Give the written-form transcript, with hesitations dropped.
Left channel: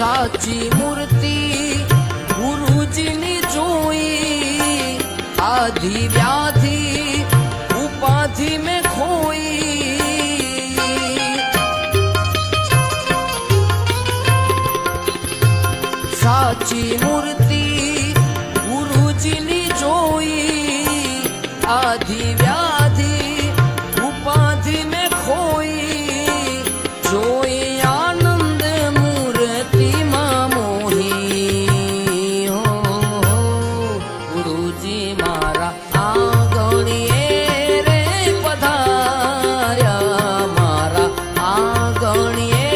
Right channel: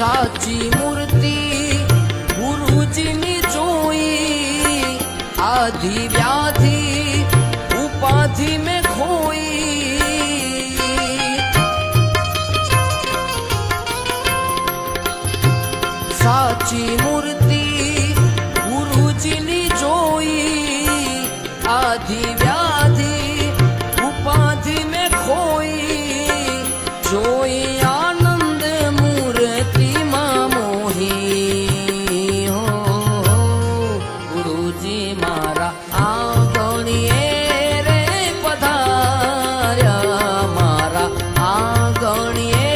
સાચી મૂર્તિ ગુરુજીની જોઈ, આધિ વ્યાધિ ઉપાધિ મેં ખોઈ। સાચી મૂર્તિ ગુરુજીની જોઈ, આધિ વ્યાધિ ઉપાધિ મેં ખોઈ। જોઈ આનંદ મૂર્તિમાં મોહી, હો ગુરુજી મારા આંગણીએ રે પધાર્યા, મારા આંગણીએ